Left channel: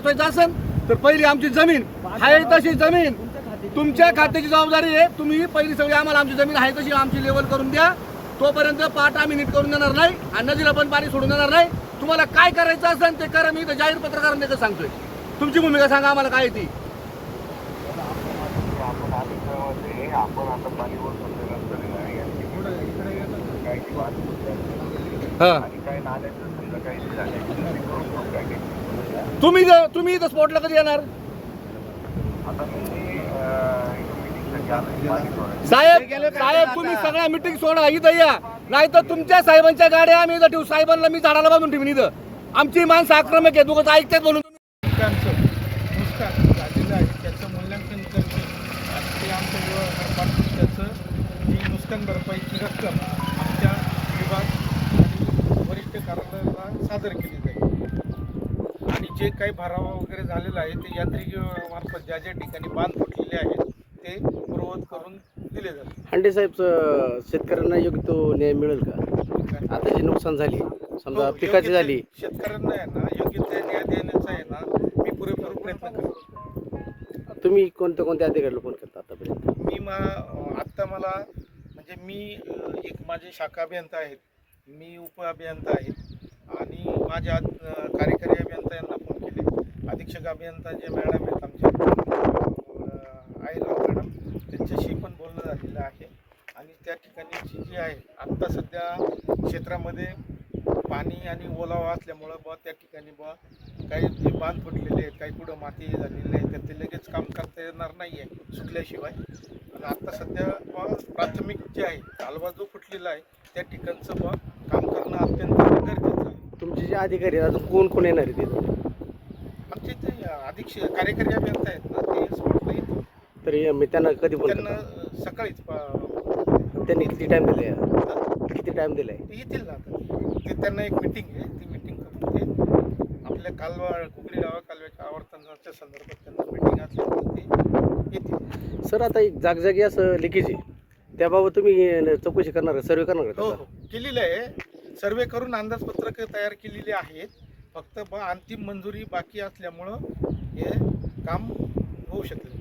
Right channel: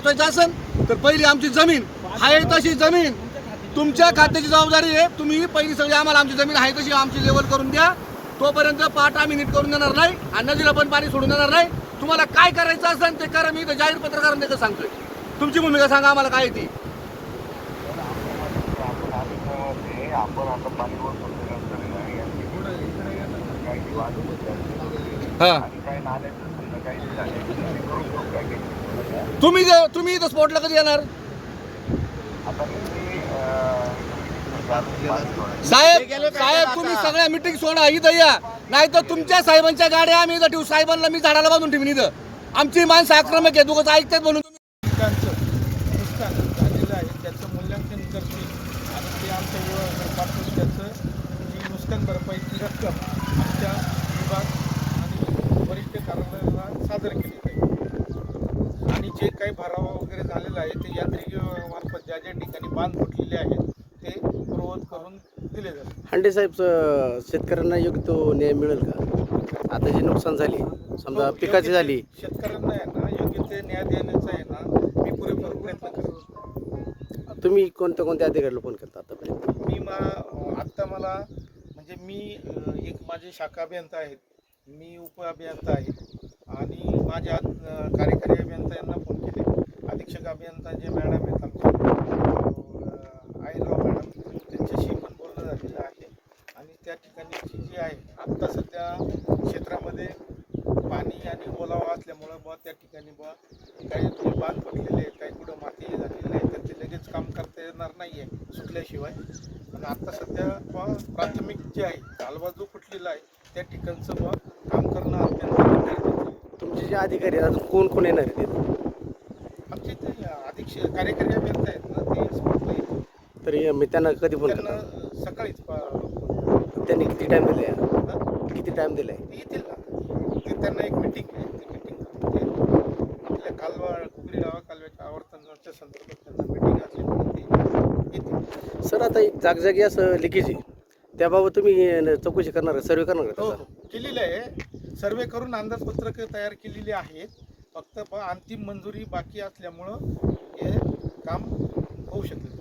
वाचवायचं असेल तर पहिली आमची जमीन आहे तशी जमीन तुमच्या खात्याची जबाबदारी आहे. तुम्ही पहिली सगळी आम्हाला आमची जमीन आहे तशी आमची लेवल करून द्या. तोपर्यंत पाट आम्ही नीट करून देणार नाही आणि नदीला पण पाणी सोडून देणार नाही. तुम्हाला काय करायचं असेल ते करा. मी जाहीर पत्रकारांना सांगतोय. तुमची भूमिका सांगा आम्हाला काय ती. आपण आता पाणीवर सोडल्यानंतर काही वाद आणि काही नाल्याचं समजा काही झाले तुम्ही इथं स्पॉटला कधी येणार आता साहेब तुम्ही सगळ्या मिटिंग सोडा इथं या नाही तर तुमच्या साहेबांच्या गाड्या आम्ही इथं ठेवू. साहेबांना मी झाडाला बांधून ठेवीन इथं. आमची माणसं आक्रमक आहे. दोघं ऐकतात म्हणून नुकसान झालेलं आहे त्याचं मूल्यांकन करतील आणि ते आमच्या विभागाकडे पाठवून त्याचं जी नुकसान भरपाईची रक्कम आमच्या विभाग आणि वरिष्ठ कार्यालयाला सादर केली जाईल आणि जे काही भरावा वगैरे झालेला आहे ते यांत्रिकीमार्फत ज्या ज्या ठिकाणी बांध फुटलेले आहेत ते पूर्ववत करून दिले जातात. हांडे साहेब, शेतकऱ्यांना योग्य तो न्याय मिळेल का? आता जी नुकसान झाली समजा पिकाची झाली, शेतकऱ्यांना आहे ना योग्य ते न्याय देण्याचा आहे ना मी पुरेपूर प्रयत्न करतो. तुम्ही कोणत्या अधिकाऱ्याला फोन करता आतापर्यंत? आत्ता मला म्हणजे मी एक माझे शाखा अभियंता आहेत, मी उप अभियंता आहे आणि माझ्या कार्यकारी अभियंता यांना फोन केले. अधीक्षक अभियंता जे मॅडम आहेत आमच्या आईराव मॅडम त्यांच्याशी पण बोलणं झालेलं आहे आणि त्या ठिकाणीची जी आहे आत्ता सध्या क्षेत्रामध्ये पाणी आणि ओलावा असल्यामुळं बुवा त्या ठिकाणी बुवा काही जे बांध फुटलेले आहेत, काही कुठं माती झालेली आहे तर ते लगेच काम करता येणार नाही आहे सुकल्याशिवाय. आणि आत्ता सध्या बुवा प्राथमिक जे आहे कालवा जो फुटलेला आहे त्या ठिकाणचं बुवा काम करणं अत्यंत गरजेचं आहे. तुमचे जे अधिकारी आहेत अजून कोण येणार आहे तिथं? आमचे ते अधीक्षक कार्यकारी अभियंता आहेत ना ते स्पॉटला येतील. तरी मी त्यांना कधी फोन त्यांना करता? सकाळीच त्यांनी किती टाइम दिला आहे? किती टाइम दिला आहे? ते येतील ना. ते त्यांना एक मिटिंग आहे, ती मिटिंग करून ते आपल्या कालवा कुकडी गावा कालव्याच्या आवर्तनाच्या संदर्भात त्यांना मिटिंग असल्यामुळे ते येतील. सर, आता एक जागजागी असं लिकेज आहे त्याबाबत तुम्ही चौकशी करणार का, सर्वे करणार का? हो केलेलं आहे. सर्वे करून अंदाजपत्रक तयार केलेली आहेत. फक्त अंतिम मंजुरी बाकी असल्यामुळं हे काम होऊ शकेल.